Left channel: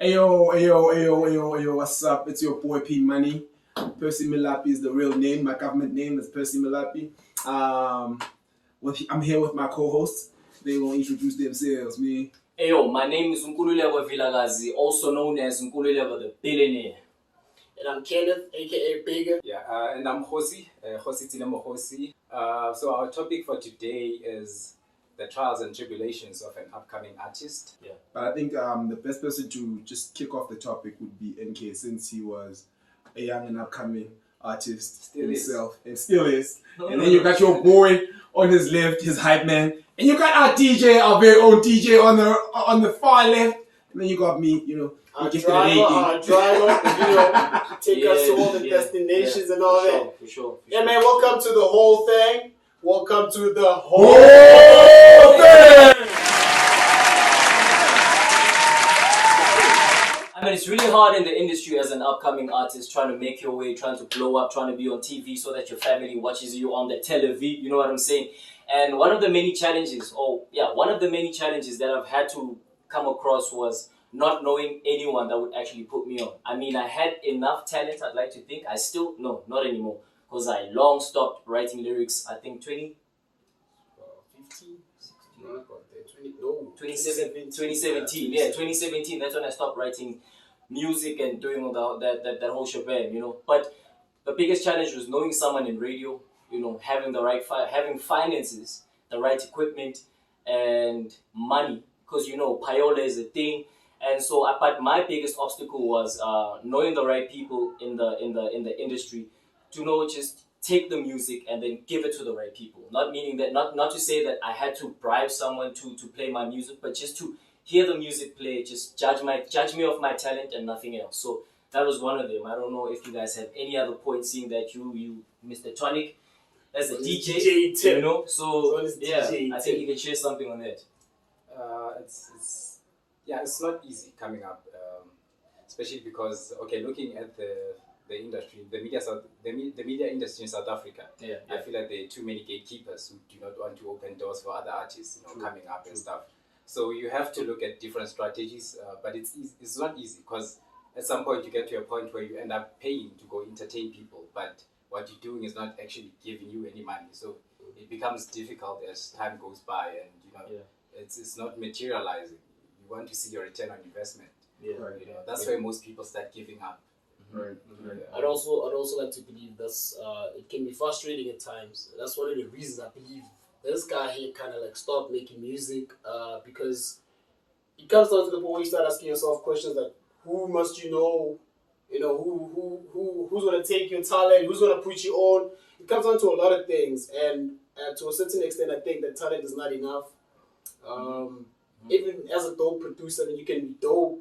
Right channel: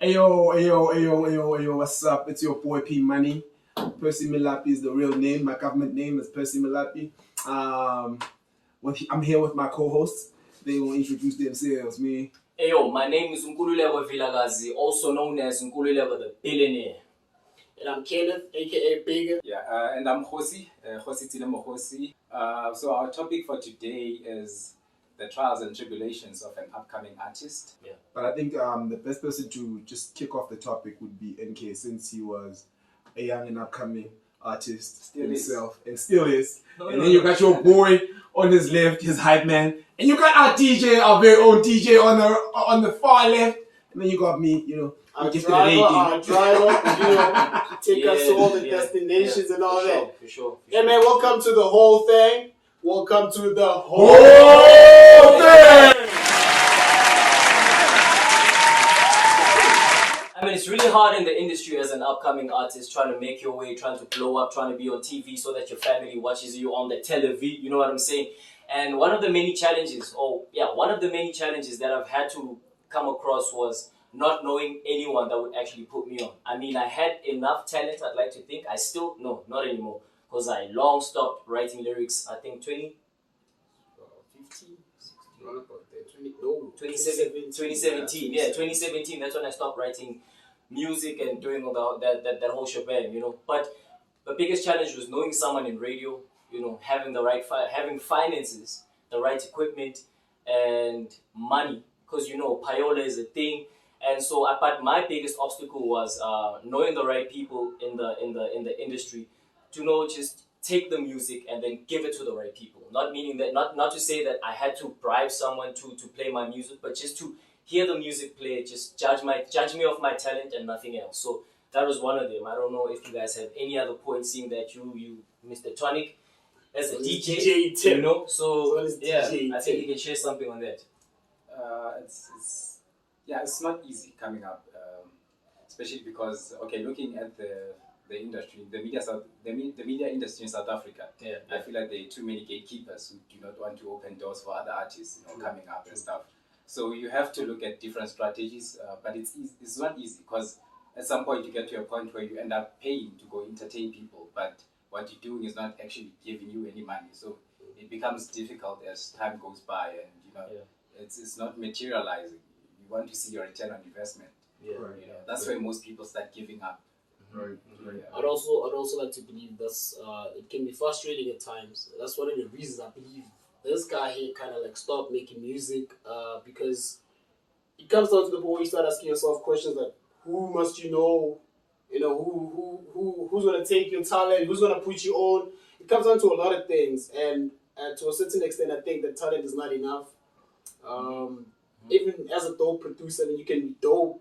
Ayo, what's up? It's your boy P Money. Percy Milapi is the real name. My government name is Percy Milapi. I'm here with my co-hosts. They will introduce themselves. Me. Ayo, my name is Nkululeko Vilagazi, also known as Nkululeko the Billionaire. And I'm Kenneth, aka Bigger. Yeah, and I'm Hosi, Hosi Tinamo Hosi. So our topic for today is the trials and tribulations of an upcoming artist. Yeah. But I think the best person to just kick off the topic would be NK, since he was a young and upcoming artist himself, and still is. And then you got your boy on his left, his hype man, and you got our DJ, our very own DJ on the far left, and then you got me, Our driver, take us to all the destinations and all that. For sure. Yeah, man, welcome to the whole thing. Welcome to the whole thing. I mean, it's really hard in the industry as an upcoming artist, trying to make your way, trying to blow up, trying to be on TV so that your family watches you on the television, you know what I'm saying? And one of the many challenges that I've had to come across was not knowing anyone that would actually put me on. I mean, I had enough talent, I'd like to think. I still, no, not anymore, because I long stopped writing lyrics, I think 2017. Yeah, 2017, that's when I stopped writing music and doing all that whole shebang, But the biggest challenge was knowing someone in radio, having the right, having finances, the right equipment, and money, because payola is a thing. And so, but my biggest obstacle was knowing the right people in the industry to just take the music and then give it to the right people. Not meaning that, not to say that I had to bribe someone to play my music, but just to hear the music play, just judge me off my talent and nothing else. So that was one of them. I don't know if you guys have any other points, seeing that you Mr. Tonic as a DJ, So yeah, I think you can share something on that. It's not easy coming up, especially because looking at the industry, the media industry in South Africa. Yeah. I feel like there are too many gatekeepers who do not want to open doors for other artists, coming up and stuff. So you have to look at different strategies, but it's not easy, because at some point you get to a point where you end up paying to go entertain people, but what you're doing is not actually giving you any money. So it becomes difficult as time goes by, and it's not materializing. You want to see your return on investment. Yeah. That's why most people start giving up. Right. I'd also like to believe that's it can be frustrating at times. That's one of the reasons I believe this guy here kind of stopped making music, because it comes down to the point where you start asking yourself questions like, who must you know? Who's gonna take your talent? Who's gonna put you on? It comes down to a lot of things, and to a certain extent, I think that talent is not enough. Even as a dope producer, you can be dope,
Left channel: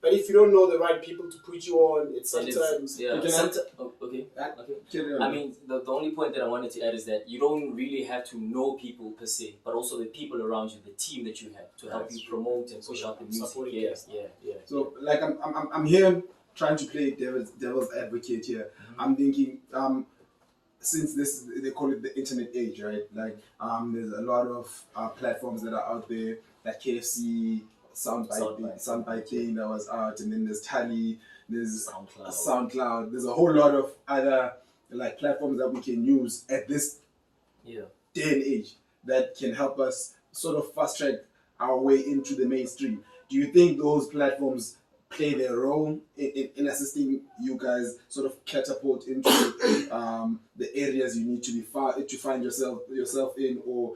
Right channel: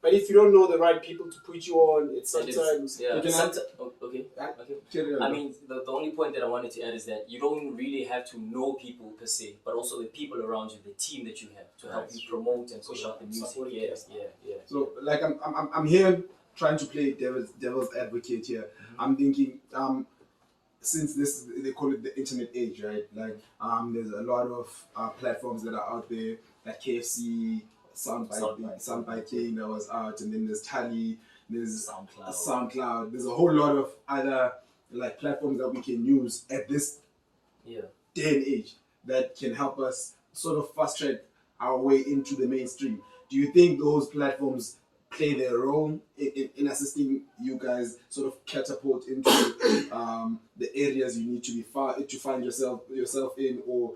but if you don't know the right people to put you on, it's sometimes Okay. I mean, the only point that I wanted to add is that you don't really have to know people per se, but also the people around you, the team that you have to help you promote and push out the music. Yeah. So like I'm here trying to play devil's advocate here. I'm thinking since they call it the internet age, right? Like there's a lot of platforms that are out there, like KFC, Soundbite thing that was out, and then there's Tally, there's SoundCloud. There's a whole lot of other like platforms that we can use at this day and age that can help us sort of fast track our way into the mainstream. Do you think those platforms play their role in assisting you guys sort of catapult into the areas you need to to find yourself in, or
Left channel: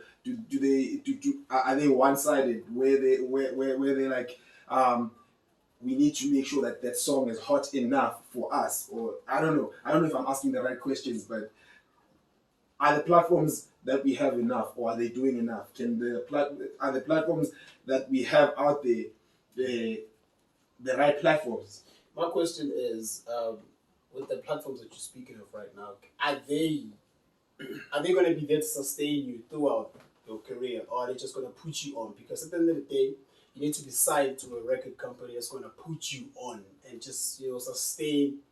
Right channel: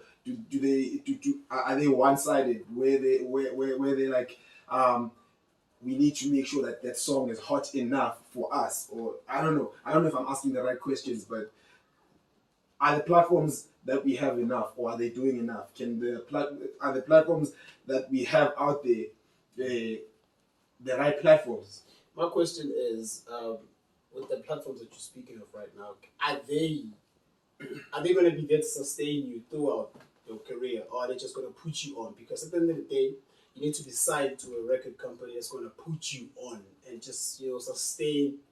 are they one-sided where they like we need to make sure that song is hot enough for us? Or I don't know if I'm asking the right questions, but are the platforms that we have enough, or are they doing enough? Are the platforms that we have out there the right platforms? My question is, with the platforms that you're speaking of right now, are they going to be there to sustain you throughout your career, or are they just going to put you on? Because at the end of the day, you need to be signed to a record company that's going to put you on and just sustain,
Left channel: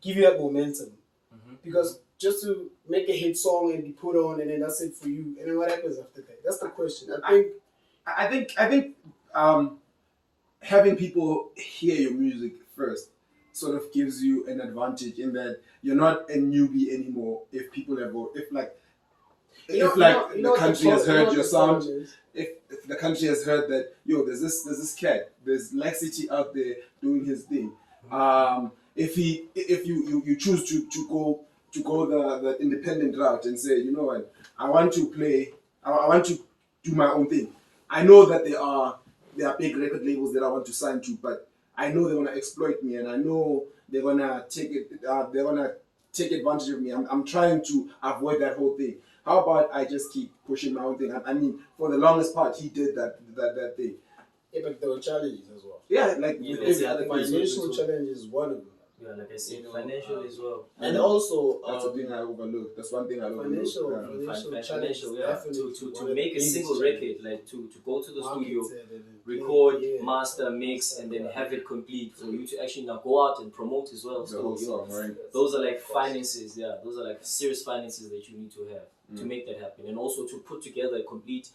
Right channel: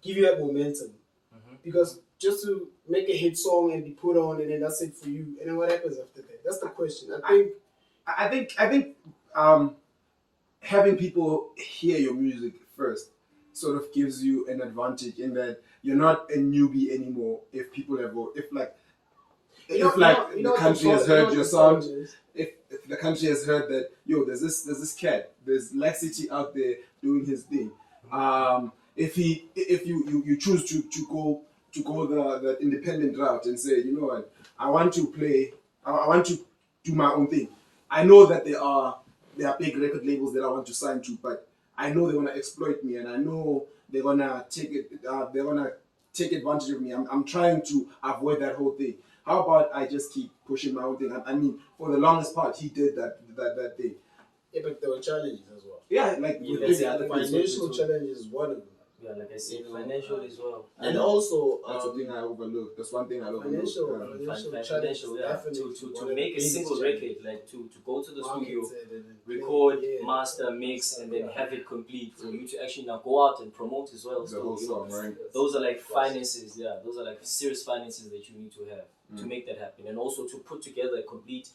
give you that momentum. Because just to make a hit song and be put on, and then that's it for you, and then what happens after that? That's the question. I think having people hear your music first sort of gives you an advantage in that you're not a newbie anymore. If people have, if like, the country has heard your sound, if the country has heard that, yo, there's this cat, there's Laxity out there doing his thing. If you choose to go the independent route and say, you know what, I want to do my own thing. I know that there are big record labels that I want to sign to, but I know they're gonna exploit me, and I know they're gonna take advantage of me. I'm trying to avoid that whole thing. How about I just keep pushing my own thing? I mean, for the longest part, he did that thing. Yeah, but there were challenges as well. Yeah, like Yeah, with every other thing. Financial challenge is one of them. Yeah, like I said, financial as well. And also, That's the thing I overlooked. That's one thing I overlooked. financial challenge. Financial, yeah. Definitely To one of make the a single biggest record, like to go to the challenges. studio, Market it and- record, yeah. master, mix, and then have it complete for you to actually now go out and promote as well. The So, whole you know, song, right? those are like finances, yeah. Those are like serious finances that you need to have to make that happen, and also to put together a complete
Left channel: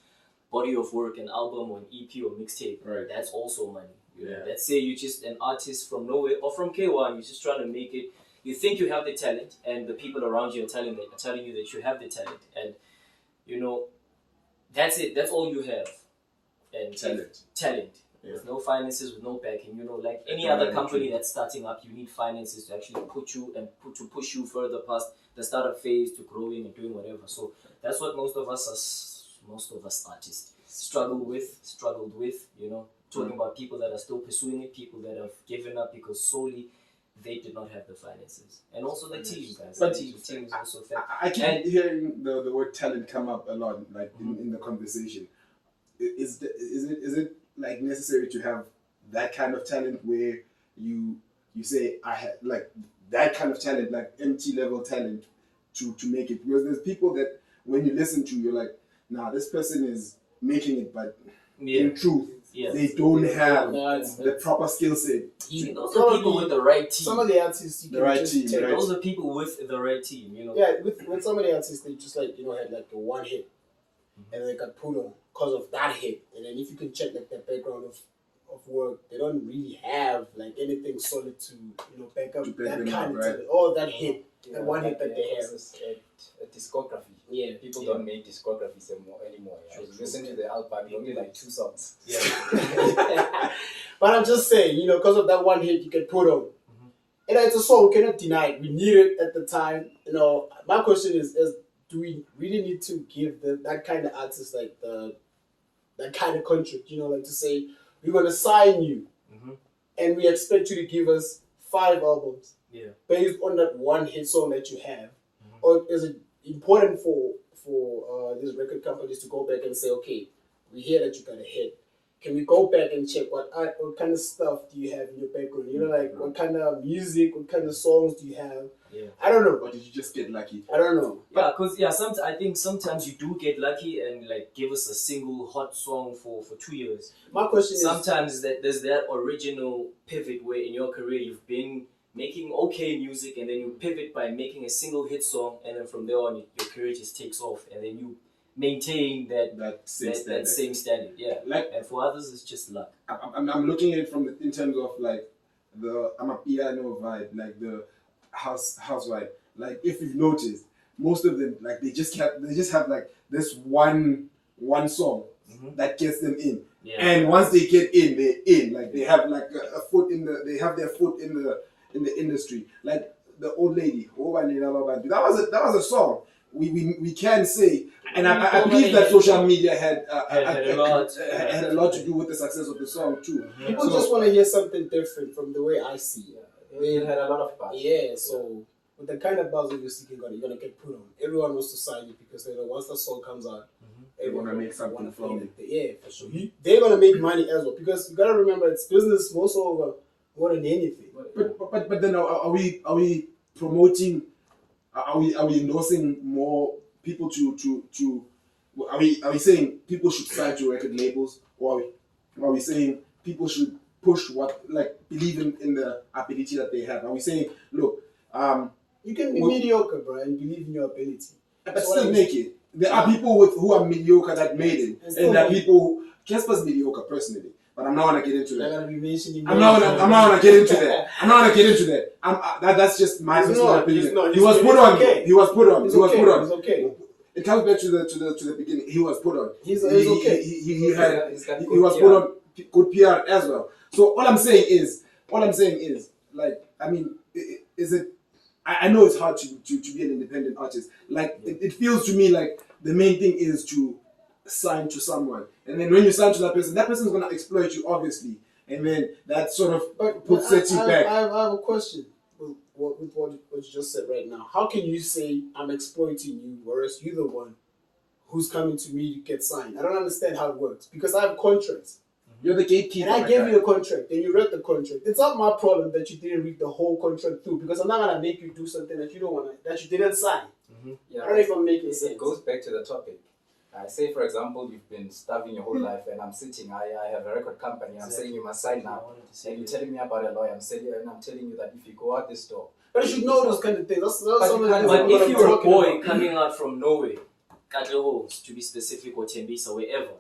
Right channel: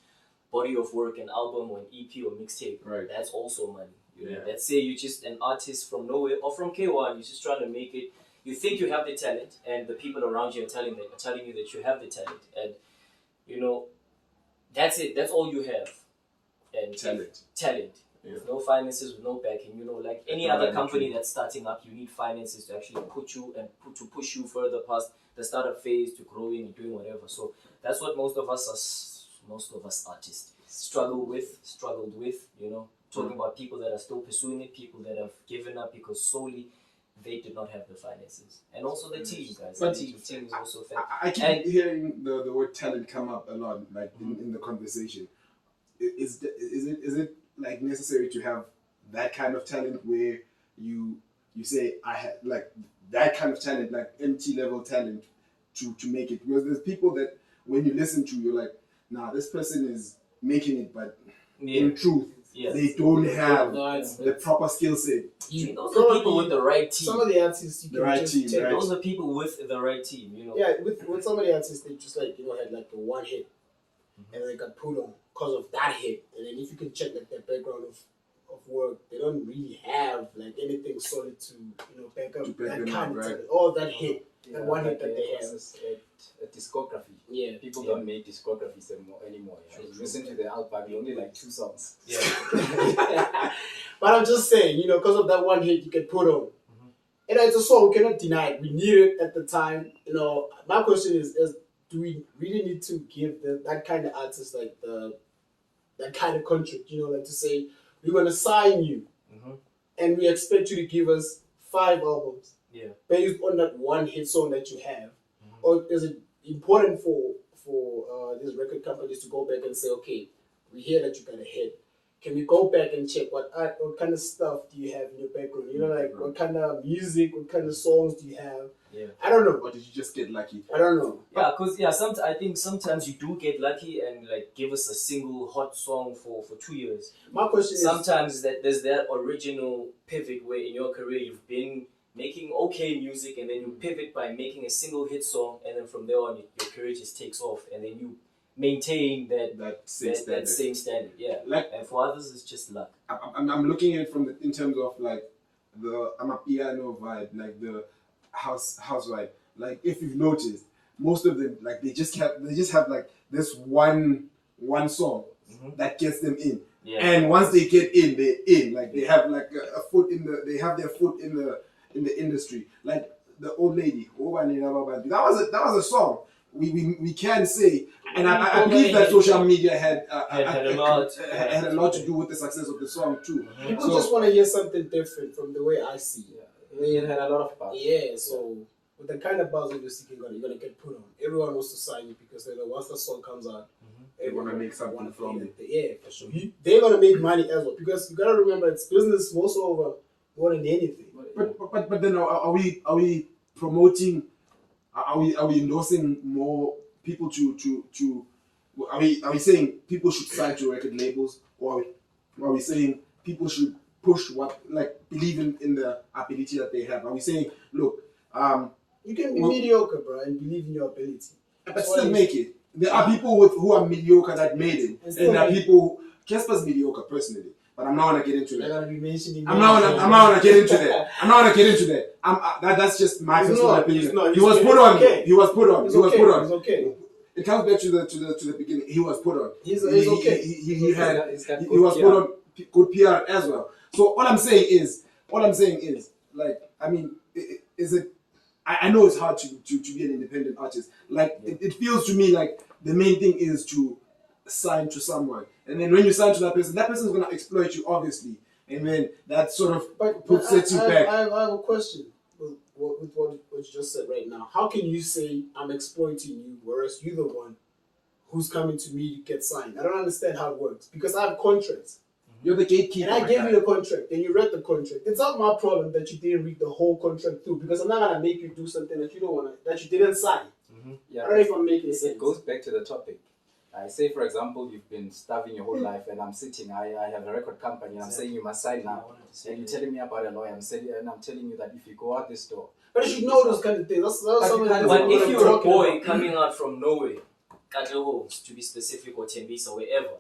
body of work, an album or an EP or mixtape. Right. That's also money. You know? Yeah. Let's say you're just an artist from nowhere or from K1. You're just trying to make it. You think you have the talent, and the people around you are telling you that you have the talent, and you know that's it. That's all you have. And talent. Yeah. With no finances, with no backing. You know, like any No other backing, company true. that's starting up, you need finances to actually put you and to push you further past the startup phase to growing and doing whatever. So that's what most of us artists struggled with. You know, talking about people that are still pursuing it, people that have given up because solely they did not have the finances, and also the team, guys. But the team is also fair. I keep hearing the word talent come up a lot, like in the conversation. Is it like necessary to have that kind of talent where you say I had like that kind of talent, like MT level talent, to make it? Because there's people that when you listen to, you're like, nah, this person is making it, but in truth, they don't have the proper skill set. Those are people with the right team. Some of the artists, you The can right just team, take- right. Those are people with the right team. You know. Yeah, with some of the artists, they just like had like a one hit, and they got put on because of that hit. And then if you can check like their background of work, they don't really have like anything solid to back up To back that them kind up, of right? talent. All that hit, Yeah, the one like hit that they have. a discography. Yeah, People don't make discographies anymore. Yeah. You listen to the album, only like 2 songs. But I'm just saying, because of that one hit you can put on. And it's a song we cannot deny it. We need it at the time. My question is do we really need to give that kind of artist like that kind of contract? Like to say we're gonna sign you, and we expect you to give us 5 albums, based on that one hit song that you have, or is it important for these record companies to go back and say, okay, we hear that you got a hit. Can we go back and check what kind of stuff do you have in your background? Like what kind of music, what kind of songs do you have? Yeah. I don't know. Or did you just get lucky? I don't know. Yeah, because I think sometimes you do get lucky and like give us a single hot song for 2 years. My question is Sometimes there's that original pivot where in your career you've been making okay music and then you pivot by making a single hit song, and then from there on your career just takes off, and then you maintain that same standard. Yeah. Like, and for others it's just luck. I'm looking at it in terms of like the Amapiano vibe, like the house vibe. Like if you've noticed, most of them like they just have like this one song that gets them in. Yeah. And once they get in, they're in. Like they have like they have their foot in the industry. Like the old lady, that was a song. We can say, and I believe that social media had a lot to do with the success of the song too. people just want to hear something different from the way I see it. It had a lot of buzz. Yeah, so with the kind of buzz that you're seeking, you're gonna get put on. Everyone wants to sign you because they know once the song comes out, They want to make something wanna from feel it. Yeah, for sure. They're gonna make money as well because you gotta remember it's business most over more than anything. But then are we promoting? Are we endorsing more people to? Are we saying people should sign to record labels, or are we saying people should push believe in the ability that they have? Are we saying, look, You can be mediocre, bro, and believe in your ability. but still make it? There are people who are mediocre that made it, and there are people. Casper's mediocre personally, but I'm not gonna get into They're that. gonna be mentioning. I'm not gonna get into that. I'm not gonna get into that. That's just my personal opinion. He was put on. He was put on. He's He was okay. put on. He's okay. It comes back to the beginning. He was put on. He's okay. He was put on good PR as well. So all I'm saying is, like, I mean, is it? I know it's hard to be an independent artist. Like, it feels to me like the main thing is to sign to someone, and then when you sign to that person's gonna exploit you, obviously, and then that sort of sets you back. I have a question with what you just said right now. How can you say I'm exploiting you, whereas you're the one who's coming to me to get signed? I don't understand how it works because I have contracts. You're the gatekeeper. And I gave you the contract, and you read the contract. It's not my problem that you didn't read the whole contract through, because I'm not gonna make you do something that you don't want, that you didn't sign. Yeah, I don't know if I'm making sense. it goes back to the topic. I say, for example, you've been starving your whole life, and I'm sitting. I have a record company. And I'm saying you must sign now, and you're telling me about a lawyer. I'm telling you that if you go out this door, But you should know those kind of things. But if you're a boy coming out from nowhere, Katlohos to be specific, or Tembisa, wherever,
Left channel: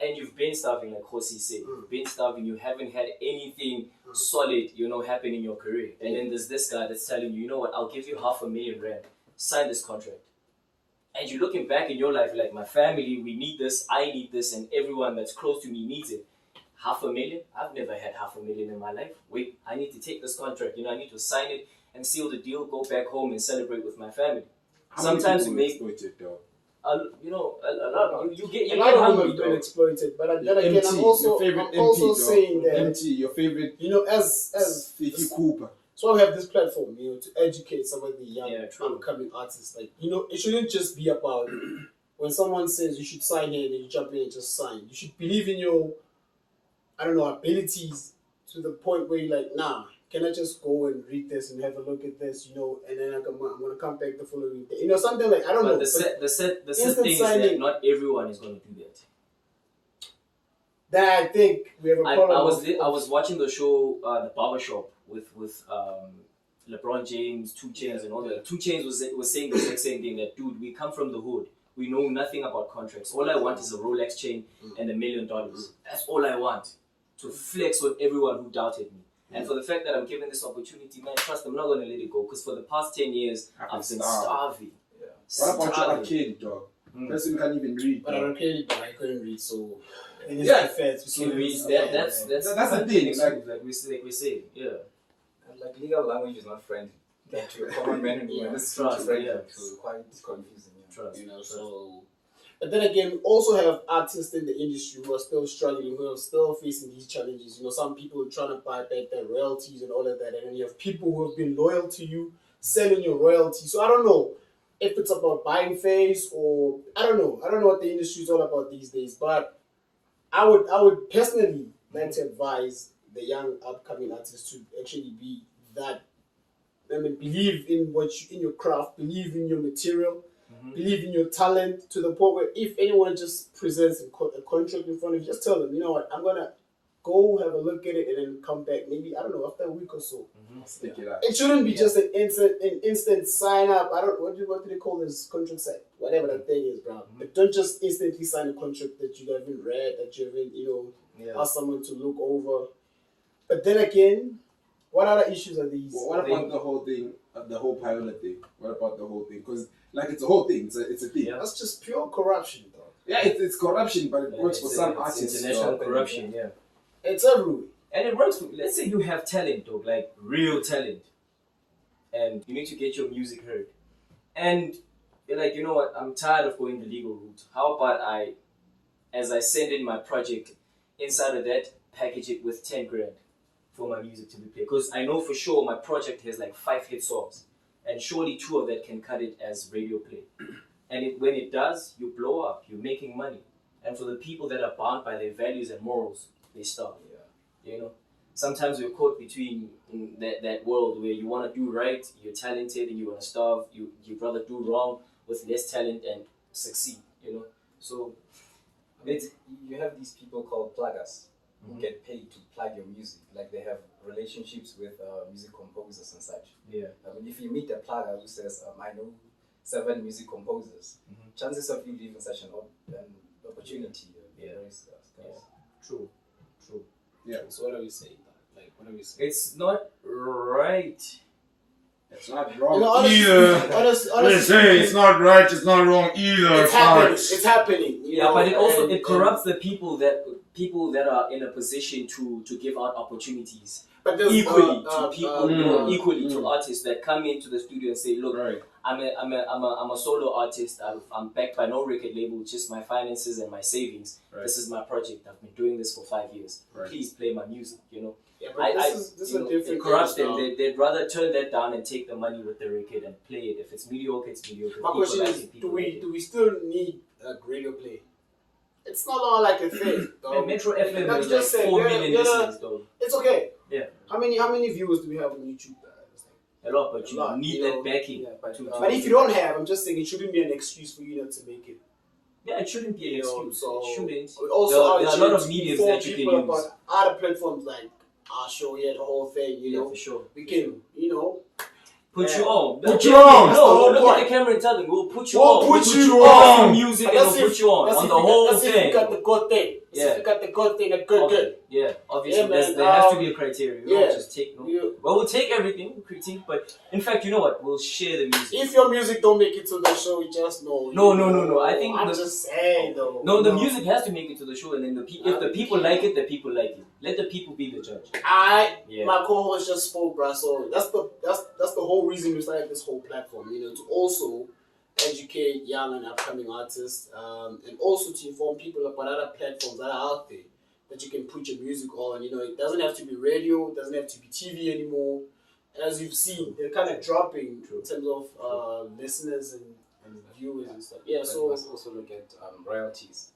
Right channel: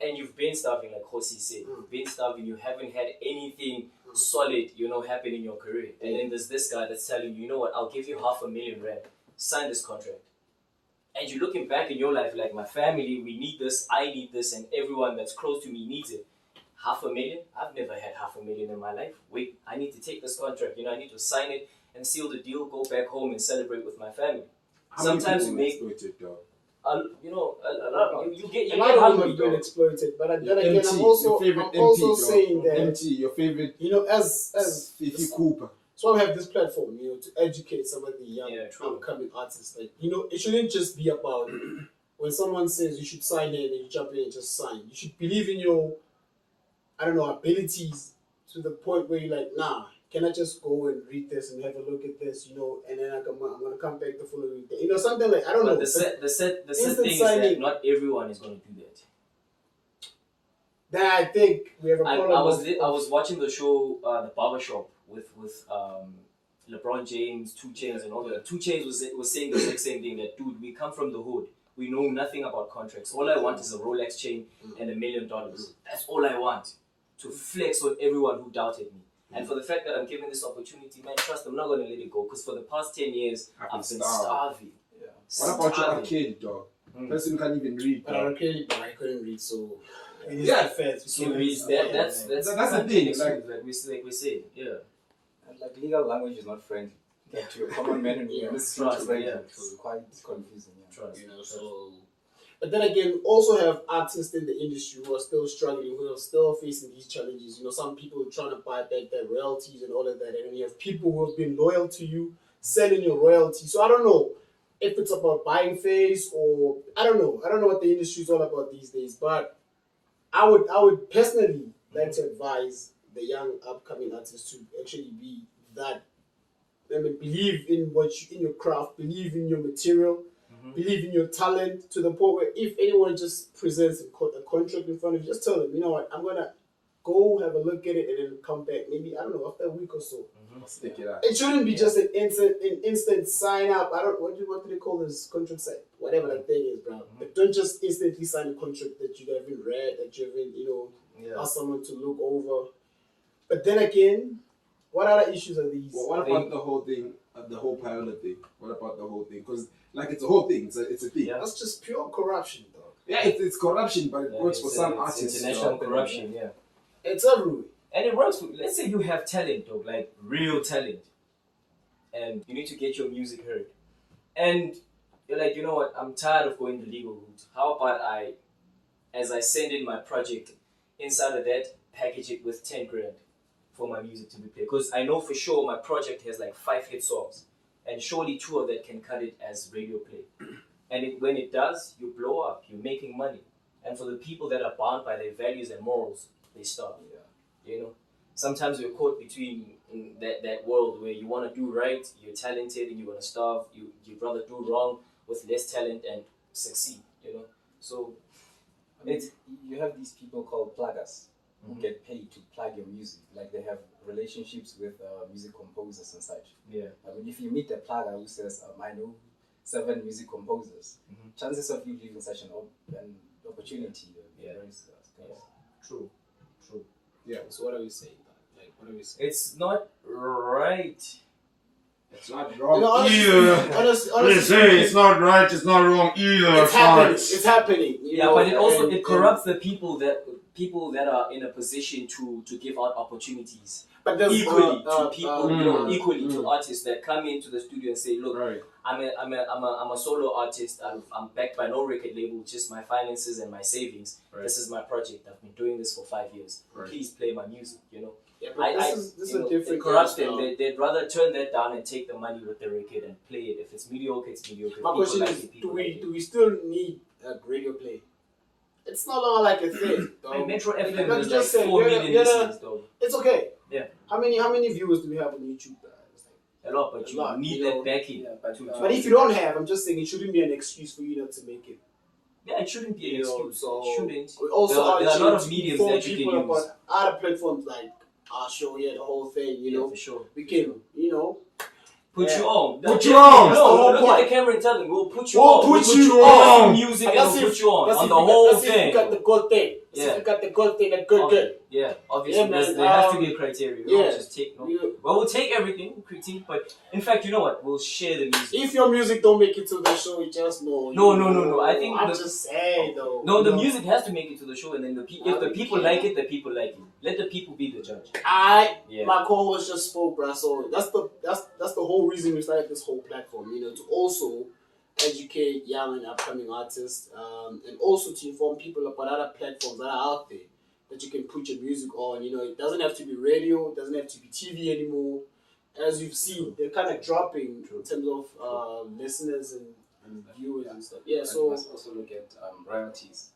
and you've been starving, like Hosi said, you've been starving, you haven't had anything solid, happen in your career, and then there's this guy that's telling you, you know what, I'll give you R500,000, sign this contract. And you're looking back in your life like, my family, we need this, I need this, and everyone that's close to me needs it. R500,000? I've never had R500,000 in my life. Wait, I need to take this contract, I need to sign it and seal the deal, go back home and celebrate with my family. Sometimes you make, you get hungry, been exploited, but then again, I'm also saying that MT, your favorite, as Fifi Cooper. So I have this platform, to educate some of the young upcoming artists. Like, it shouldn't just be about when someone says you should sign in and you jump in and just sign. You should believe in your, abilities to the point where you're like, nah, can I just go and read this and have a look at this, and then I'm gonna come back the following day, something like, I don't know. The sad thing is that not everyone is going to do that. That I think we have a problem. I was watching the show, The Barbershop, with LeBron James, 2 Chainz, and all that. 2 Chainz was saying the exact same thing, that, dude, we come from the hood. We know nothing about contracts. All I want is a Rolex chain and $1 million. That's all I want, to flex on everyone who doubted me. And for the fact that I'm given this opportunity, man, trust, I'm not going to let it go. Because for the past 10 years, I've been starving. What about your arcade, dog? Person can't even read. But I couldn't read, so... That's the thing. Like we say, yeah. And like, legal language is not friendly. That to a common man and woman is trust, quite confusing. Trust. So. But then again, we also have artists in the industry who are still struggling, who are still facing these challenges. Some people are trying to buy back their royalties and all of that, and then you have people who have been loyal to you, selling your royalties. So I don't know if it's about buying face, or I don't know what the industry is all about these days. But I would personally like to advise the young upcoming artists to actually be that. Believe in in your craft, believe in your material, believe in your talent, to the point where if anyone just presents a contract in front of you, just tell them, you know what, I'm gonna go have a look at it and then come back. Maybe, I don't know, after a week or so. Stick it out. It shouldn't be just an instant sign up. What do they call this contract site? Whatever that thing is, bro. But don't just instantly sign a contract that you haven't read, that you haven't, asked someone to look over. But then again, what other issues are these? Well, what about the whole thing, the whole pilot thing? What about the whole thing? Because, like, it's a whole thing. It's a thing. Yeah. That's just pure corruption, though. Yeah, it's corruption, but it works for some artists. International corruption, yeah. It's everywhere. And it works for, let's say you have talent, dog, like real talent, and you need to get your music heard. And you're like, you know what, I'm tired of going the legal route. How about as I send in my project, inside of that, package it with 10 grand for my music to be played? Because I know for sure my project has like 5 hit songs, and surely 2 of that can cut it as radio play. And when it does, you blow up, you're making money. And for the people that are bound by their values and morals, they stop. Sometimes we're caught between that world where you want to do right, you're talented, and you want to starve. You'd rather do wrong with less talent and succeed. So you have these people called pluggers who get paid to plug your music. Like, they have relationships with music composers and such. Yeah. If you meet a plugger who says, I know 7 music composers, chances of you leaving such an opportunity are very scarce. True. Yeah. So what are we saying? Like, what are we saying? It's not right. It's not wrong You know, honestly, either. honestly, It's not right, it's not wrong either. it's happening. It's happening. You Yeah, know, but it also and- corrupts the people that are in a position to give out opportunities but there's, equally to people, equally to mm. artists that come into the studio and say, look, Right. I'm a solo artist. I'm backed by no record label, just my finances and my savings. Right. This is my project. I've been doing this for 5 years. Right. Please play my music. You know, Yeah, but this is you know, a different it corrupts game them. now. They'd rather turn that down and take the money with the record and play it. If it's mediocre, it's mediocre. My People question like is, it, people like it. do we still need a radio play? It's no longer like a thing. Man, Metro FM Like is you like just said, 4 million you're listeners, though. It's okay. Yeah. How many viewers do we have on YouTube? A lot, but you A lot, need you that know. backing. Yeah, but, But if you don't have, I'm just saying it shouldn't be an excuse for you not to make it. Yeah, it shouldn't be an You know, excuse. so It shouldn't. we also There are a urge lot you of to mediums inform that you people can use. about other platforms like our show here, the whole thing. You Yeah, know, for sure. we can, you know, Put Yeah. you on. Put you on. That's the No, whole look point. at the camera and tell them, we'll put you We'll on. put We'll you on. on. Music and Let's we'll see put you on. let's On see the if we whole got, let's see if thing. we got the good thing. Let's see Yeah. if we got the good thing, the good. Yeah, obviously. Yeah, man, there has to be a criteria. We yeah. don't just take no. Well, we'll take everything, we'll critique, but in fact, you know what? We'll share the music. If your music don't make it to the show, you just know. No. I think I'm the- just saying though. No, the you know. music has to make it to the show, and then if the people like it, the people like it. Let the people be the judge. My co-host just spoke, bruh. So that's the whole reason we started this whole platform. You know, to also educate young and upcoming artists, and also to inform people about other platforms that are out there that you can put your music on. You know, it doesn't have to be radio, it doesn't have to be TV anymore. As you've seen, they're kind of dropping in terms of listeners and viewers and stuff. Yeah, But so you must also look at royalties,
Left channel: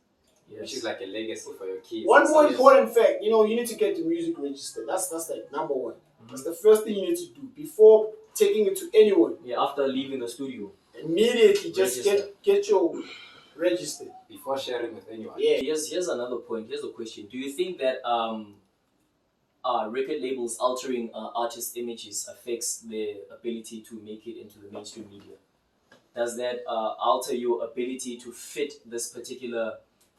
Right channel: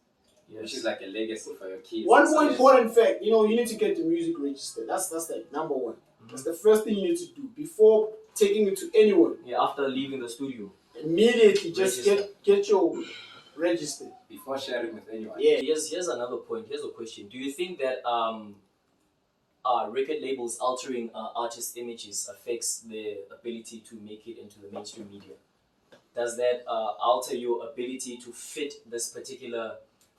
which is like a legacy for your kids. one more So important fact, you know, you need to get the music registered. That's like number one. That's the first thing you need to do before taking it to anyone. Yeah, after leaving the studio. Immediately, just Register. get your registered. before sharing with anyone. Yeah. Here's another point. Here's a question. Do you think that record labels altering artists' images affects their ability to make it into the mainstream media? Does that alter your ability to fit this particular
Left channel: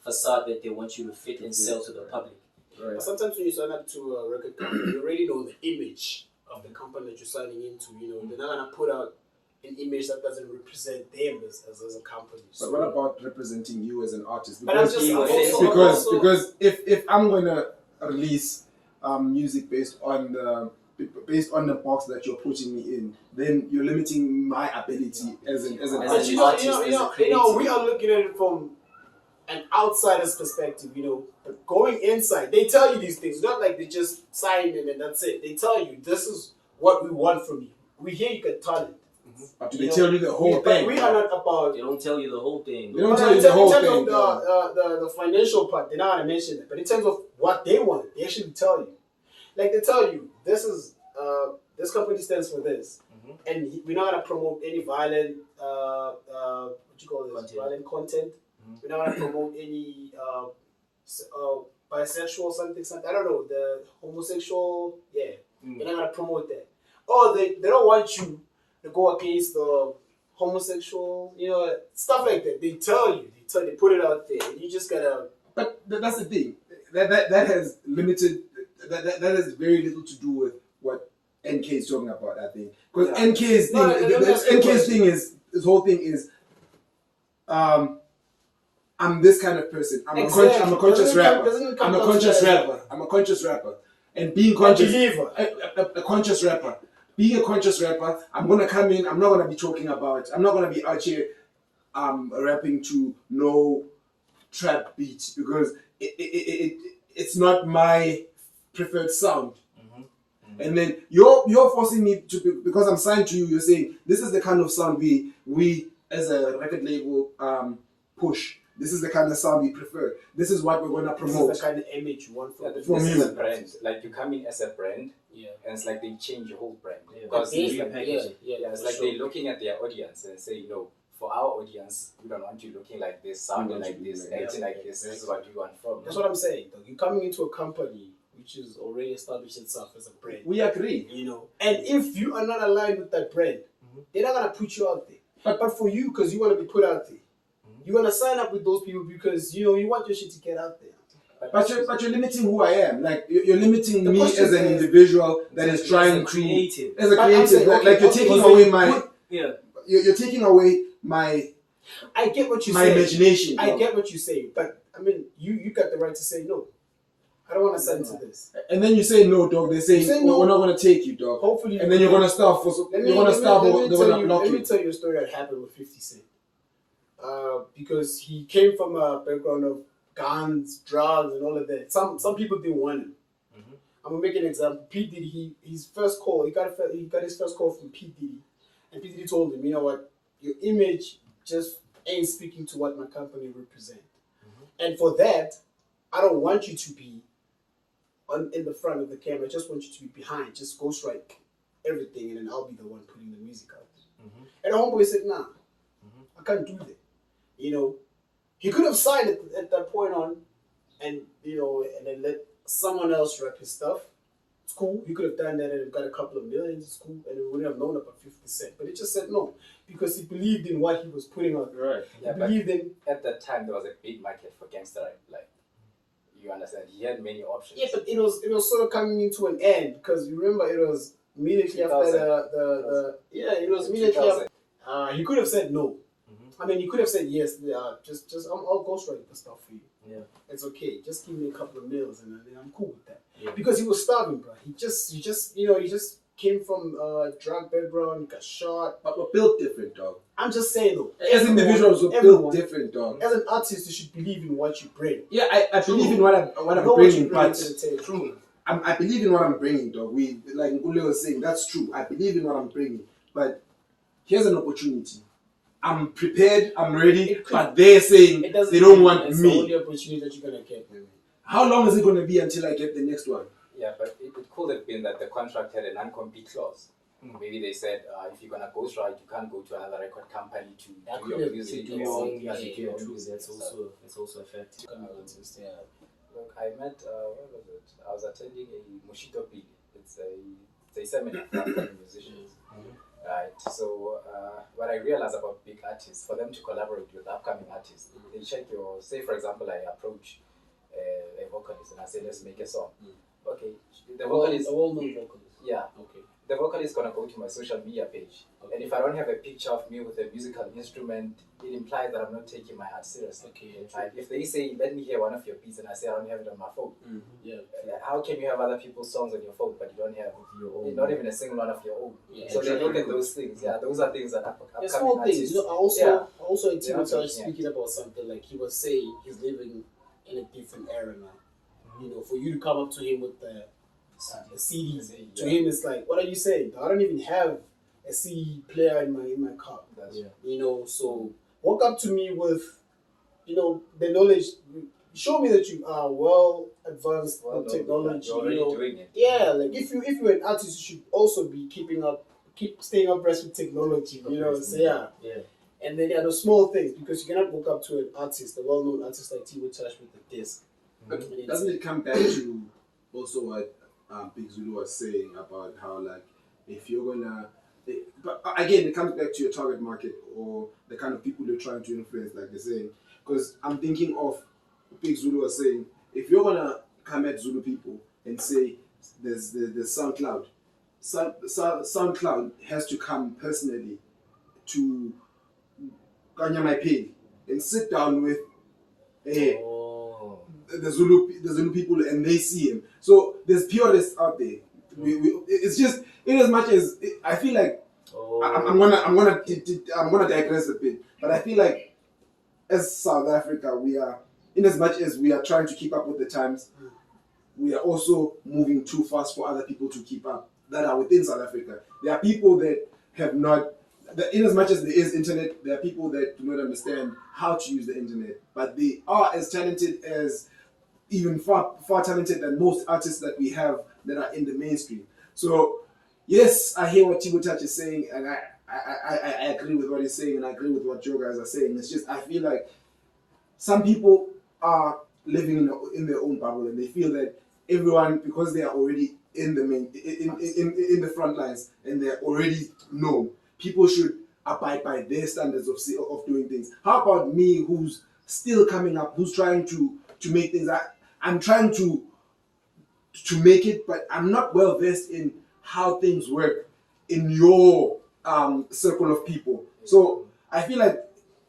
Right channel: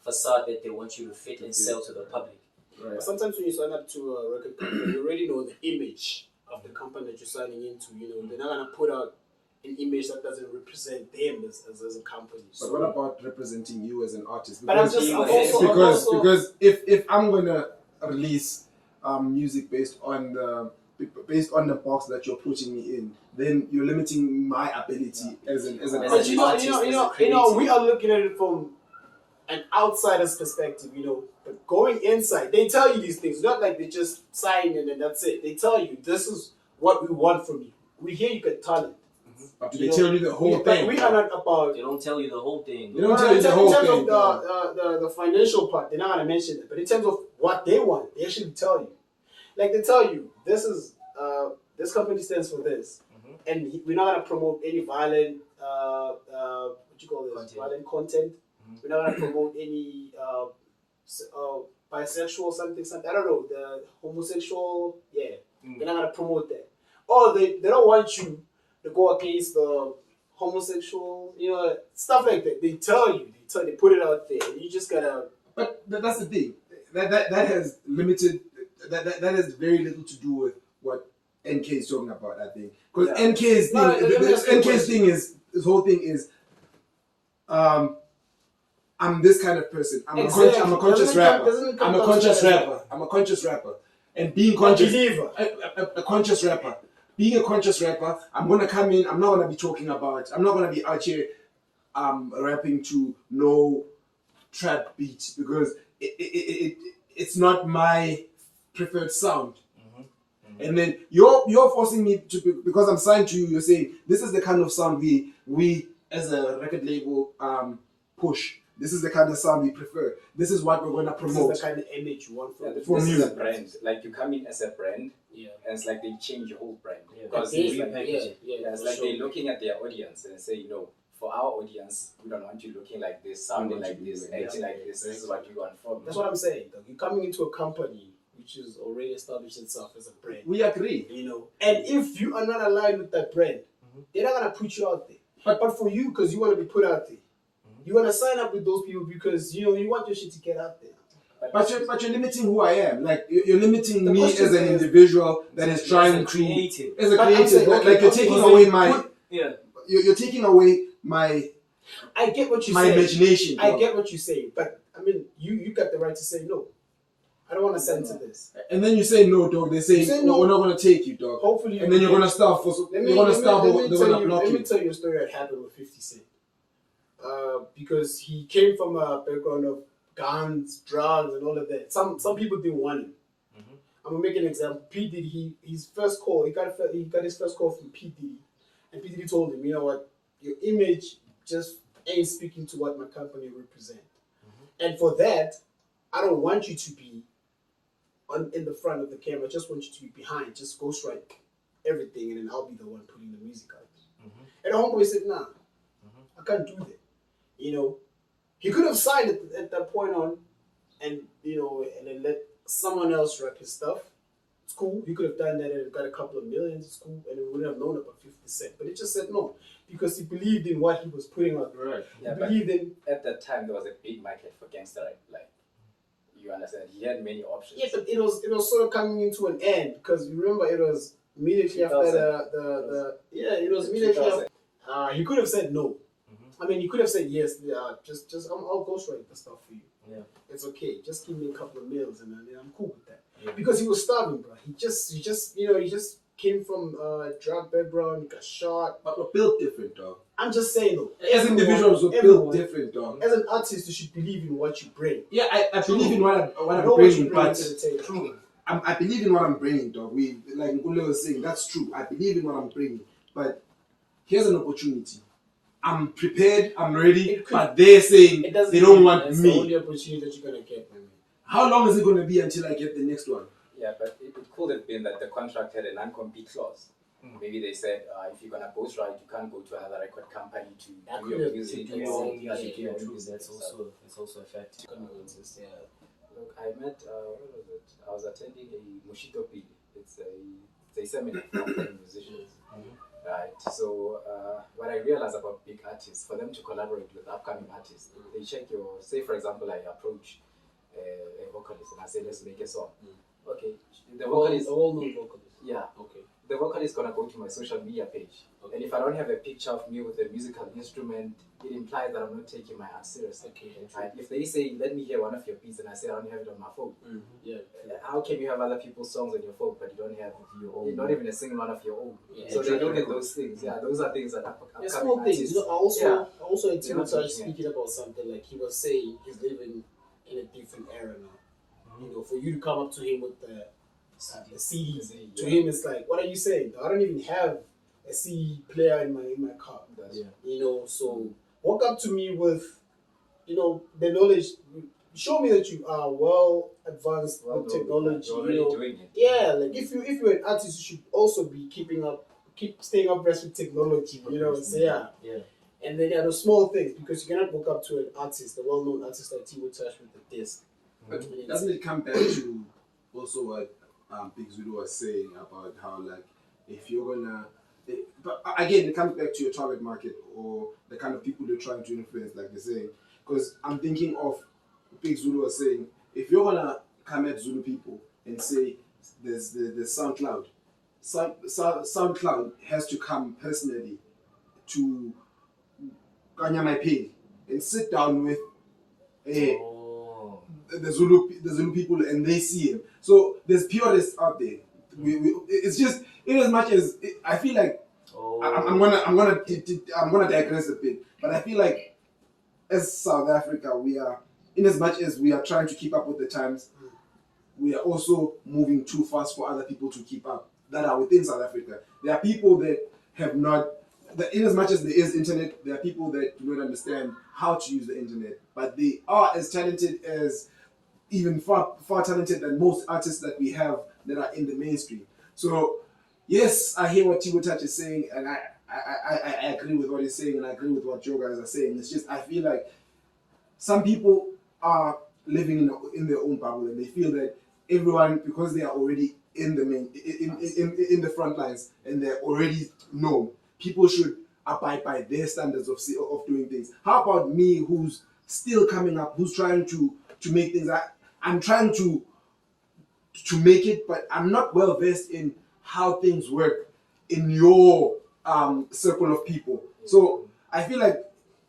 facade that they want you to fit and sell to the public? Right. Sometimes when you sign up to a record company, you already know the image of the company that you're signing into. You know, they're not gonna put out an image that doesn't represent them as a company. But what about representing you as an artist? But I'm also Because if I'm gonna release music based on the box that you're putting me in, then you're limiting my ability as an As But an artist, we are looking at it from an outsider's perspective, you know. But going inside, they tell you these things. Not like they just sign and then that's it. They tell you this is what we want from you. We hear you got talent. But do they tell you the whole But thing? we are not about. They don't tell you the whole thing. They don't tell you the whole in terms thing. of the financial part, they're not gonna mention it. But in terms of what they want, they actually tell you. Like they tell you, this is this company stands for this, and we're not gonna promote any violent what you call this violent content. We're not gonna promote any bisexual something. I don't know, the homosexual. Yeah, we're not gonna promote that. Or they don't want you to go against the homosexual, you know, stuff like that. They tell you, they put it out there, and you just gotta. But that's the thing. That has limited. That has very little to do with what NK is talking about. I think because NK's thing, NK's thing is this whole thing is. I'm this kind of person. I'm a conscious rapper. I'm a conscious rapper. And being conscious, a conscious rapper. Being a conscious rapper, I'm gonna come in. I'm not gonna be talking about. I'm not gonna be out here, rapping to no trap beats because it's not my preferred sound. And then you're forcing me to, because I'm signed to you. You're saying this is the kind of sound we as a record label push. This is the kind of sound we prefer. This is what we're going to promote. This is the kind of image you want This from is you. a brand. Like you come in as a brand, Yeah. and it's like they change your whole brand. Yeah. Because They- it's like, yeah, it's for like sure. they're looking at their audience and say, no, for our audience, we don't want you looking like this, sounding like this, acting like this. This is what we want from you. That's what I'm saying. Though. You're coming into a company which is already established itself as a brand. We agree. You know, and if you are not aligned with that brand, they're not gonna put you out there. But for you, because you want to be put out there, you want to sign up with those people because you know you want your shit to get out there. But you're limiting who I am. Like you're limiting me as an individual that is trying to as a creative. Like you're taking away my you're taking away my. I get what you my say. imagination. I get what you say, but I mean, you got the right to say no. I don't want to send to this. And then you say no, dog. They say no. We're not gonna take you, dog. Hopefully, and then you're gonna start for. Let me tell you a story that happened with 50 Cent. Because he came from a background of guns, drugs, and all of that. Some people didn't want him. I'm gonna make an example. P Diddy, his first call, he got his first call from P Diddy, and P Diddy told him, you know what, your image just ain't speaking to what my company represent. And for that, I don't want you to be in the front of the camera. I just want you to be behind. Just ghostwrite everything, and then I'll be the one putting the music out. And the homeboy said, nah, I can't do that. You know, he could have signed it at that point on, and you know, and then let someone else rap his stuff. It's cool. He could have done that and got a couple of millions. It's cool, and we wouldn't have known about 50 Cent. But he just said no because he believed in what he was putting out. Right. Yeah, he believed in. At that time, there was a big market for gangster rap. Like, you understand? He had many options. Yeah, but it was sort of coming into an end because you remember it was immediately after it was immediately after. He could have said no. I mean, he could have said yes. Just I'll ghostwrite the stuff for you. Yeah, it's okay. Just give me a couple of meals and then I'm cool with that. Yeah. Because he was starving, bro. He just came from a drug background. He got shot. But we're built different, dog. I'm just saying though. As individuals, we're built different, dog. As an artist, you should believe in what you bring. Yeah, I believe in what I'm bringing, but true. I believe in what I'm bringing, dog. We like Ngule was saying, that's true. I believe in what I'm bringing, but here's an opportunity. I'm prepared, I'm ready, but they're saying they don't want me. It's the only opportunity that you're gonna get, man. How long is it gonna be until I get the next one? Yeah, but it could have been that the contract had a non-compete clause. Maybe they said if you're gonna ghostwrite, you can't go to another record company to do your music. That's also a fact. Yeah. Look, I met what was it? I was attending a Mushito Pili. It's a seminar for musicians. Right. So what I realized about big artists, for them to collaborate with upcoming artists, they check your. Say for example, I approach a vocalist and I say, let's make a song. Okay. The vocalist, a well-known vocalist. Yeah. Okay. The vocalist is gonna go to my social media page, and if I don't have a picture of me with a musical instrument, it implies that I'm not taking my art seriously. Okay. Right? If they say, let me hear one of your beats, and I say I don't have it on my phone, how can you have other people's songs on your phone, but you don't have your own? Not even a single one of your own. Yeah. So they look at those things. Yeah, those are things that upcoming small artists. Things. You know, I also had Timothy speaking about something like he was saying he's living in a different era now. You know, for you to come up to him with the CDs, to him it's like, what are you saying? I don't even have a CD player in my car. You know, so walk up to me with, you know, the knowledge. Show me that you are well advanced with technology. You're already doing it. Yeah, like if you're an artist, you should also be keep staying abreast with technology. You know, so yeah. And then those small things, because you cannot walk up to an artist, a well-known artist like Timo Touch with a disc. But doesn't it come back to also what Big Zulu was saying about how, like, if you're gonna, but again, it comes back to your target market or the kind of people you're trying to influence, like they're saying. Because I'm thinking of Big Zulu was saying, if you're gonna come at Zulu people and say there's SoundCloud, SoundCloud has to come personally to Kanya Maipeli and sit down with the Zulu people and they see him. So there's purists out there. It's just in as much as I feel like I'm gonna digress a bit, but I feel like as South Africa, we are, in as much as we are trying to keep up with the times, we are also moving too fast for other people to keep up that are within South Africa. There are people that have not, in as much as there is internet, there are people that do not understand how to use the internet, but they are as talented as, even far talented than most artists that we have that are in the mainstream. So yes, I hear what Timo Touch is saying, and I agree with what he's saying, and I agree with what you guys are saying. It's just I feel like some people are living in their own bubble, and they feel that everyone, because they are already in the in the front lines and they're already known, people should abide by their standards of doing things. How about me, who's still coming up, who's trying to make things? I'm trying to make it, but I'm not well versed in how things work in your circle of people. So I feel like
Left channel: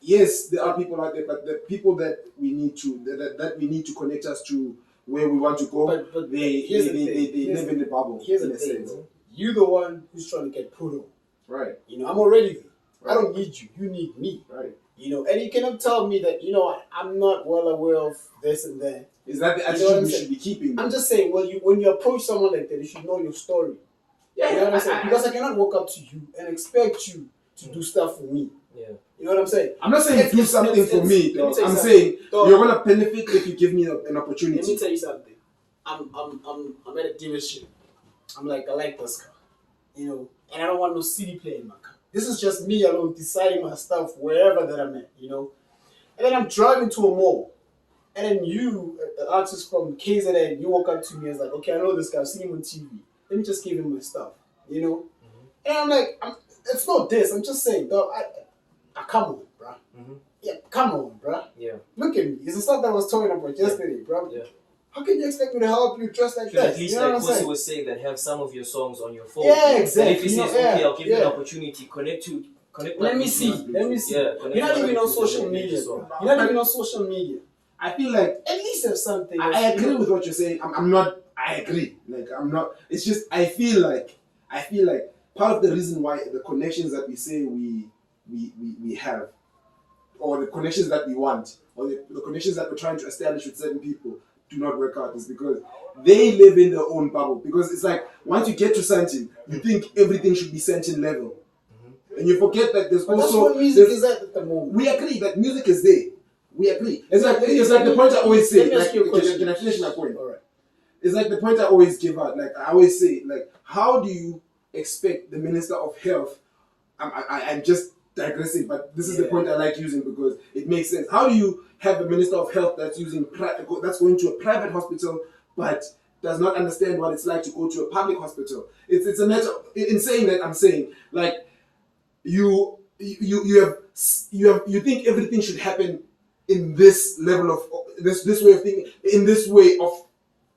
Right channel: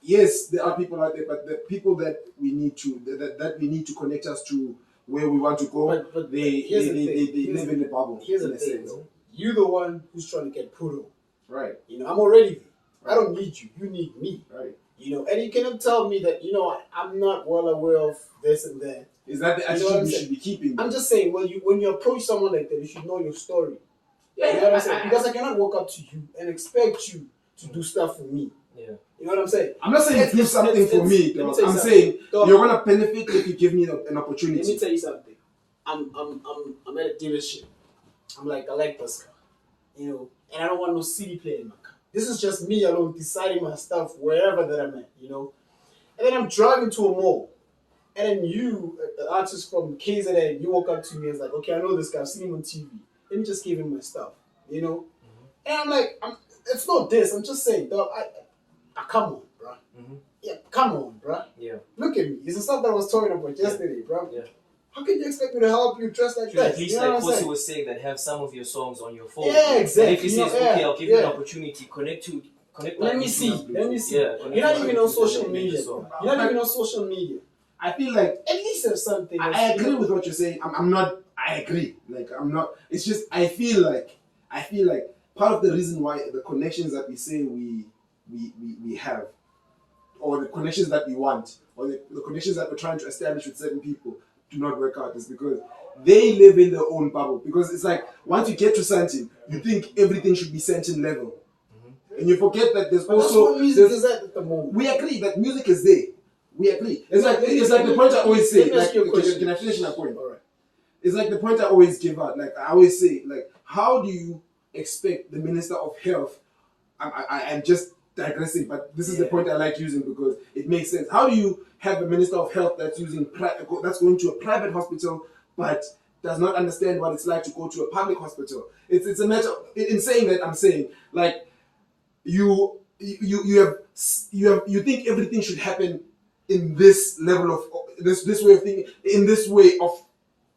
yes, there are people out there, but the people that we need to that we need to connect us to where we want to go, But they live in the bubble. Here's in the a thing, sense. though. You're the one who's trying to get put on. Right. You know, I'm already there. I Right. don't need you. You need me. Right. You know, and you cannot tell me that, you know, I'm not well aware of this and that. Is that the You know attitude what I'm we saying? should be keeping? I'm just saying, well, when you approach someone like that, you should know your story. Yeah, You know what I'm saying? Because I cannot walk up to you and expect you to do stuff for me. Yeah. You know what I'm saying? I'm not saying do something for me. let me Though. tell you I'm something. saying Dog, you're gonna benefit if you give me an let me opportunity. tell you something. I'm at a dealership. I'm like, I like this car. You know, and I don't want no CD player in my car. This is just me alone deciding my stuff wherever that I'm at, you know. And then I'm driving to a mall. And then you, an artist from KZN, you walk up to me and it's like, okay, I know this guy, I've seen him on TV. Let me just give him my stuff, you know? And I'm like, it's not this, I'm just saying, dog, come on, bruh. Yeah, come on, bruh. Yeah. Look at me. It's the stuff that I was talking about yesterday, bruh. Yeah. How can you expect me to help you dress like Should at that? least, You know like what I'm Kosi saying? was saying, that have some of your songs on your phone. Yeah, And exactly. if he You know, says, okay, yeah, I'll give you yeah. an opportunity, connect. Let me see. Let me see. Yeah, You're not even on social connect media. the song. You're not even on social media. I feel like At least have something. I agree with what you're saying. I'm not. I agree. Like I'm not. It's just I feel like part of the reason why the connections that we say we have, or the connections that we want, or the connections that we're trying to establish with certain people do not work out is because they live in their own bubble. Because it's like once you get to Santin, you think everything should be Santin level, and you forget that there's But also that's what music is at the moment. We agree that music is there. We agree. It's Let like me- the point I always say. Let me ask Like, you a question. can I finish my point? All right. It's like the point I always give out. Like I always say, like how do you expect the Minister of Health? I'm just digressing, but this is the point I like using because it makes sense. How do you have a Minister of Health that's that's going to a private hospital but does not understand what it's like to go to a public hospital? It's a matter. In saying that, I'm saying like you think everything should happen in this level of this way of thinking, in this way of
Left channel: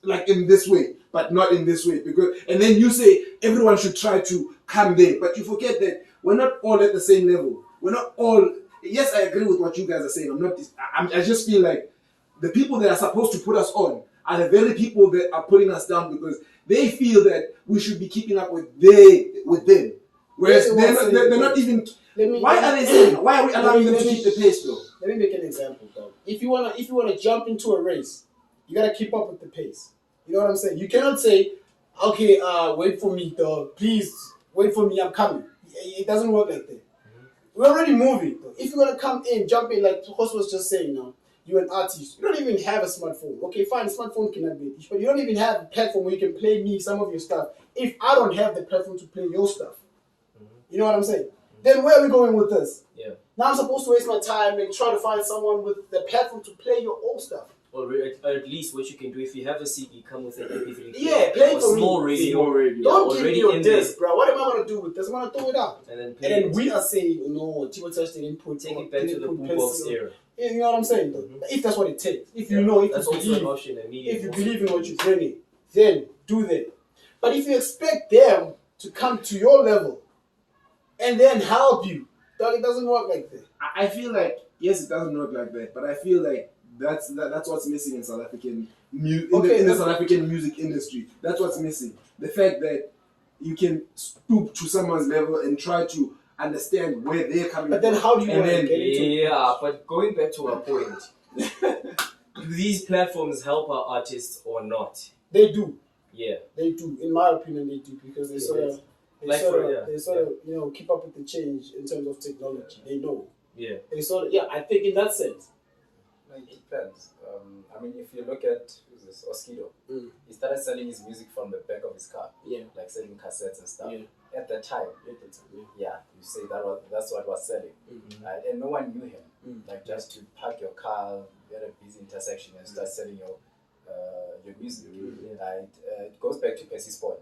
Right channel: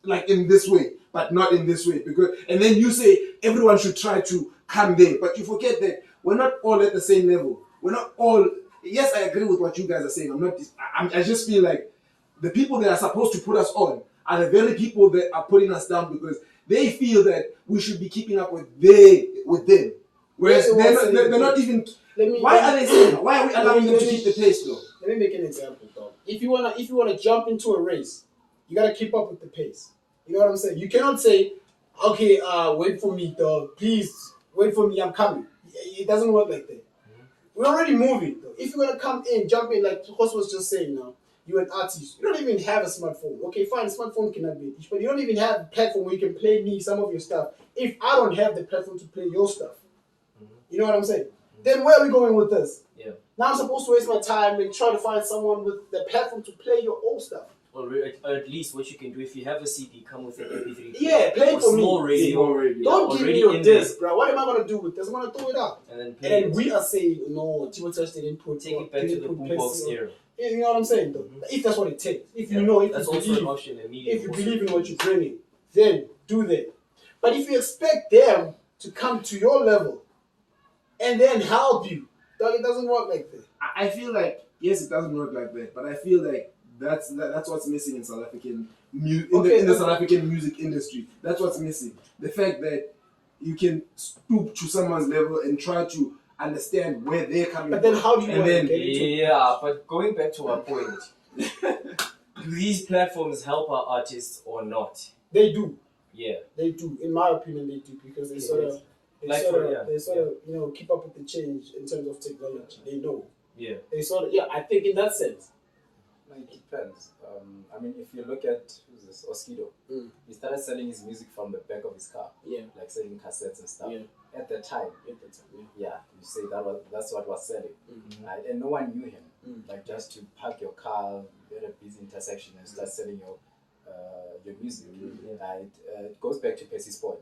like in this way, but not in this way. Because and then you say everyone should try to come there, but you forget that we're not all at the same level. We're not all. Yes, I agree with what you guys are saying. I just feel like the people that are supposed to put us on are the very people that are putting us down because they feel that we should be keeping up with them. Whereas they're not even. Why are they saying? Why are we allowing them to keep the pace though? Let me make an example, dog. If you wanna jump into a race, you gotta keep up with the pace. You know what I'm saying? You cannot say, okay, wait for me, dog. Please wait for me. I'm coming. It doesn't work like that. We're already moving. Though. If you're gonna come in, jump in, like Host was just saying now. You're an artist. You don't even have a smartphone. Okay, fine, smartphone cannot be an issue, but you don't even have a platform where you can play me some of your stuff. If I don't have the platform to play your stuff, you know what I'm saying? Then where are we going with this? Yeah. Now I'm supposed to waste my time and try to find someone with the platform to play your old stuff. Or at least what you can do if you have a CD, come with an MP3. Yeah, play it for me. Small radio. Don't give me your in disc, bro. What am I gonna do with this? I'm gonna throw it out. And then we are saying, no, Tiwa Touch didn't put take it back to the boombox era. Yeah, you know what I'm saying, though? If that's what it takes. If you know, if that's you also believe, an option. if you believe in what you're bringing, then do that. But if you expect them to come to your level and then help you, dog, it doesn't work like that. I feel like yes, it doesn't work like that, but I feel like that's what's missing in South African in the South African music industry. That's what's missing. The fact that you can stoop to someone's level and try to understand where they're coming from. But then how do you and want then, to get into it? Yeah, but going back to our point, do these platforms help our artists or not? They do. Yeah. They do. In my opinion, they do because they sort of you know keep up with the change in terms of technology. They know. Yeah. They sort of I think in that sense. Like it depends. I mean, if you look at who's this Oskido, he started selling his music from the back of his car. Yeah. Like selling cassettes and stuff. Yeah. At the time, you say that's what was selling, right? And no one knew him. Like just to park your car at a busy intersection and start selling your music. Right? It goes back to Percy's point.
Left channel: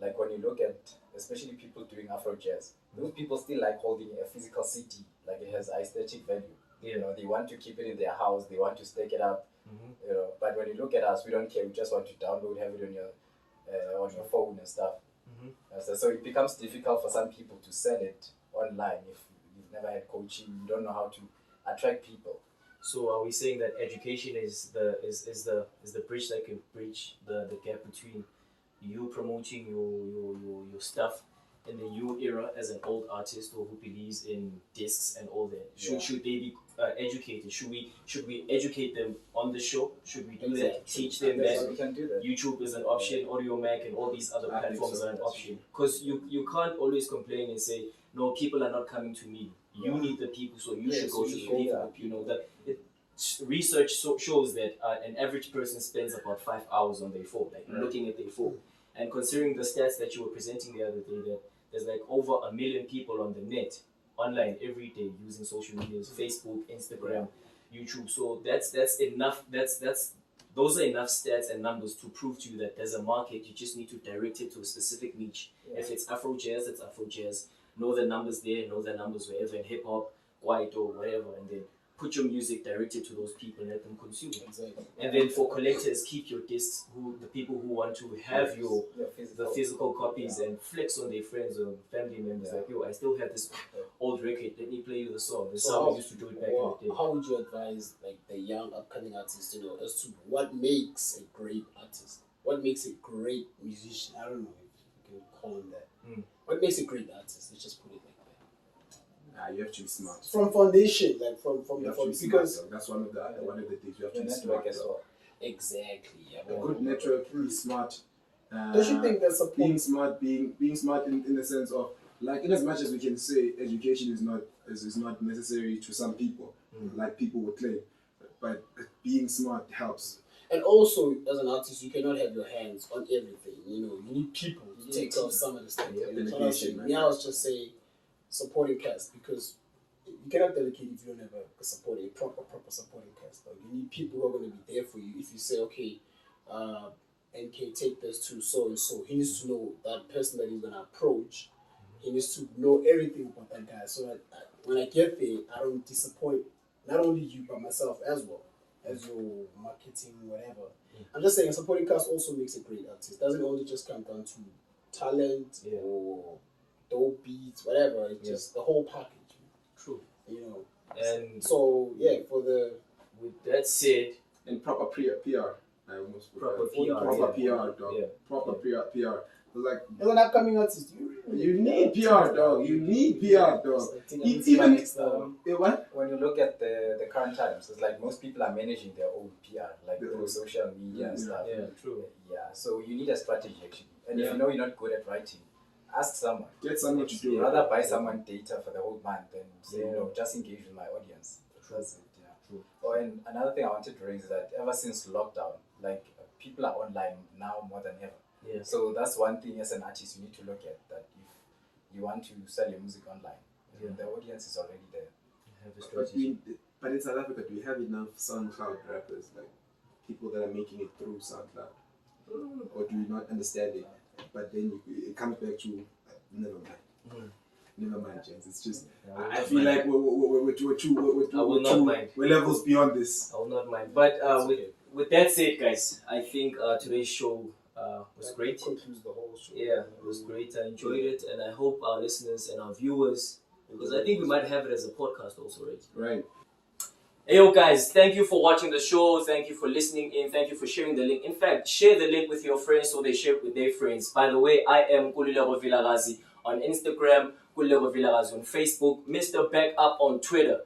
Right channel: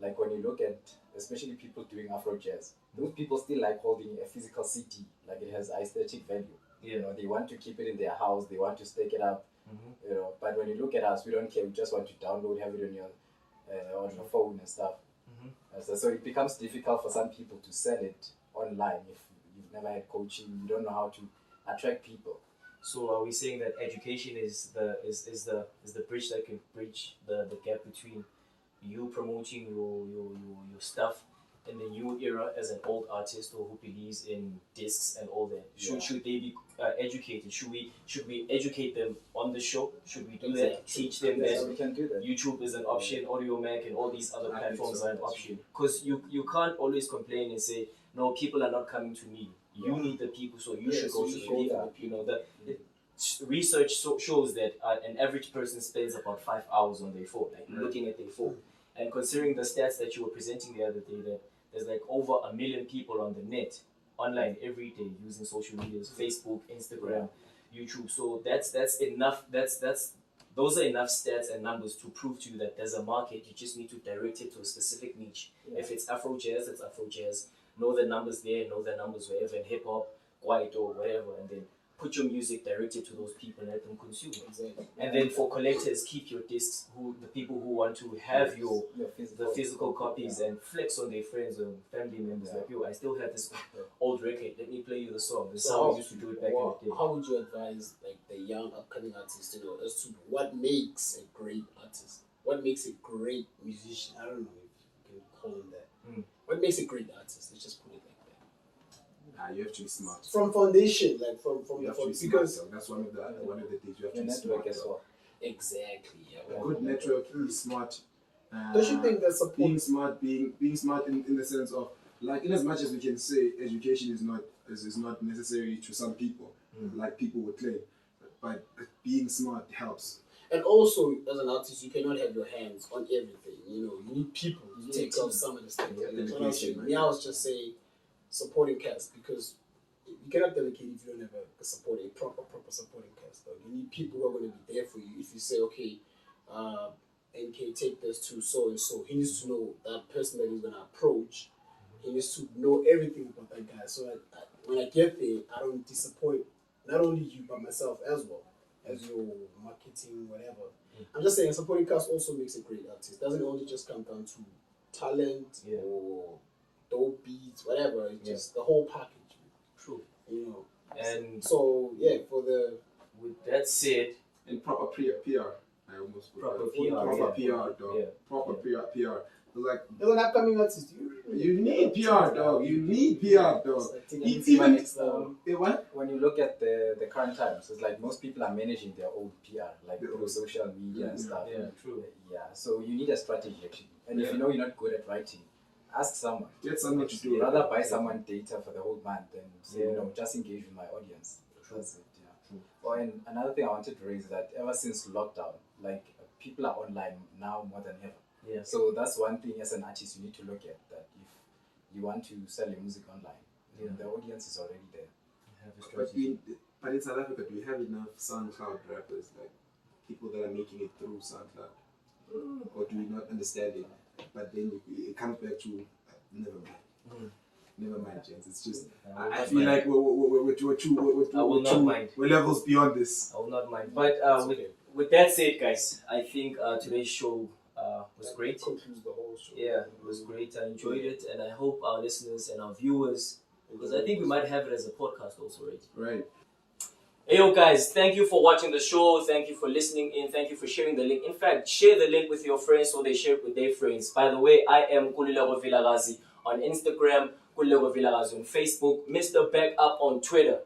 Like when you look at, especially people doing Afro jazz, those people still like holding a physical CD, like it has aesthetic value. You know, they want to keep it in their house. They want to stake it up. you know. But when you look at us, we don't care. We just want to download, have it on your phone and stuff. So it becomes difficult for some people to sell it online if you've never had coaching. You don't know how to attract people. So are we saying that education is the bridge that can bridge the gap between you promoting your stuff in the new era as an old artist or who believes in discs and all that? Should they be educated? Should we educate them on the show? Should we do that? Teach them that we can do that. YouTube is an option, Audio Mac and all these other platforms are an option. Because you can't always complain and say, no, people are not coming to me. You need the people, so you should go to the people. You know that research shows that an average person spends about 5 hours on their phone, like looking at their phone. And considering the stats that you were presenting the other day, that there's like over 1 million people on the net, online every day using social medias, Facebook, Instagram, YouTube. So that's enough. Those are enough stats and numbers to prove to you that there's a market. You just need to direct it to a specific niche. If it's Afro jazz, it's Afro jazz. Know the numbers there, know the numbers wherever in hip hop, white or whatever, and then put your music directed to those people and let them consume it. Exactly. And then for collectors, keep your discs. The people who want to have the physical copies and flex on their friends or family members, like, yo, I still have this old record. Let me play you the song. This is how we used to do it back in the day. How would you advise like the young upcoming artists, you know, as to what makes a great artist? What makes a great musician? I don't know if you can call them that. What makes a great artist? Let's just put it like that. You have to be smart. From foundation, like from You have to be smart. because That's one of the things you have to Your be network smart. as well. exactly. Yeah. A good network, be smart. Don't you think that's a being point? smart, being smart in the sense of, like, in as much as we can say education is not necessary to some people, like people would claim, but being smart helps. And also, as an artist, you cannot have your hands on everything. You know, you need people to take care of some of the stuff. I was just saying, supporting cast, because you cannot delegate if you don't have a proper supporting cast. Like, you need people who are going to be there for you. If you say, okay, NK, take this to so and so, he needs to know that person that he's going to approach. He needs to know everything about that guy, so that when I get there, I don't disappoint not only you but myself as well, as your marketing, whatever. I'm just saying, a supporting cast also makes a great artist. It doesn't only just come down to talent or dope beats, whatever. It's just the whole package. True. You know. And so with that said, And proper PR. I almost proper proper PR, PR, dog. Proper PR. Like, as an upcoming artist, you need PR, dog. You need PR, dog. I think It's I'm even what? When you look at the current times, it's like most people are managing their own PR, like through social media and stuff. Yeah, true. Yeah, so you need a strategy actually. And if you know you're not good at writing, ask someone. Get someone to do it. Rather buy someone data for the whole month than say, just engage with my audience. That's it, yeah. True. Oh, and another thing I wanted to raise is that ever since lockdown, like people are online now more than ever. Yeah. So that's one thing as an artist you need to look at, that if you want to sell your music online, the audience is already there. But in South Africa, do we have enough SoundCloud rappers, like people that are making it through SoundCloud? Or do we not understand it? But then it comes back to never mind. Never mind, James. It's just I feel like we're levels beyond this. I will not mind. But with that said, guys, I think today's show was great. Concludes the whole show. Yeah, it was great. I enjoyed it, and I hope our listeners and our viewers, because I think we might have it as a podcast also, right? Right. Hey, yo, guys, thank you for watching the show. Thank you for listening in. Thank you for sharing the link. In fact, share the link with your friends so they share it with their friends. By the way, I am Kulilego Vilagazi on Instagram, Kulilego Vilagazi on Facebook, Mr. Backup on Twitter.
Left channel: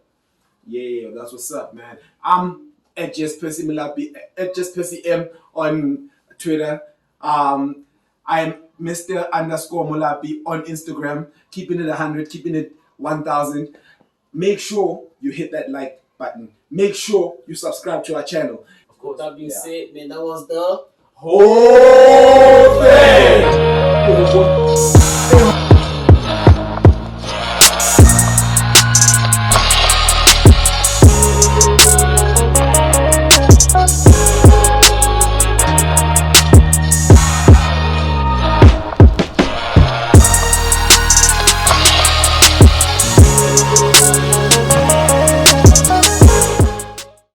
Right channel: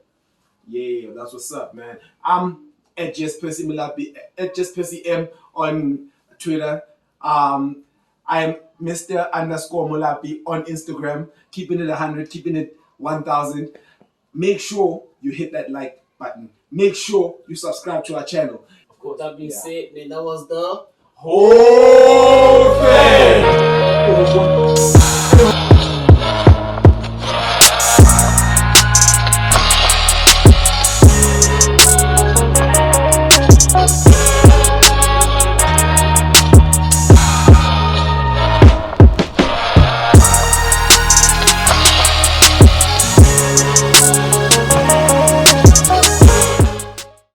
Yeah, that's what's up, man. I'm at just Percy Malapi, at just Percy M on Twitter. I'm Mr. _Mulapi on Instagram, keeping it 100, keeping it 1000. Make sure you hit that like button. Make sure you subscribe to our channel. Of course, that being said, man, that was the whole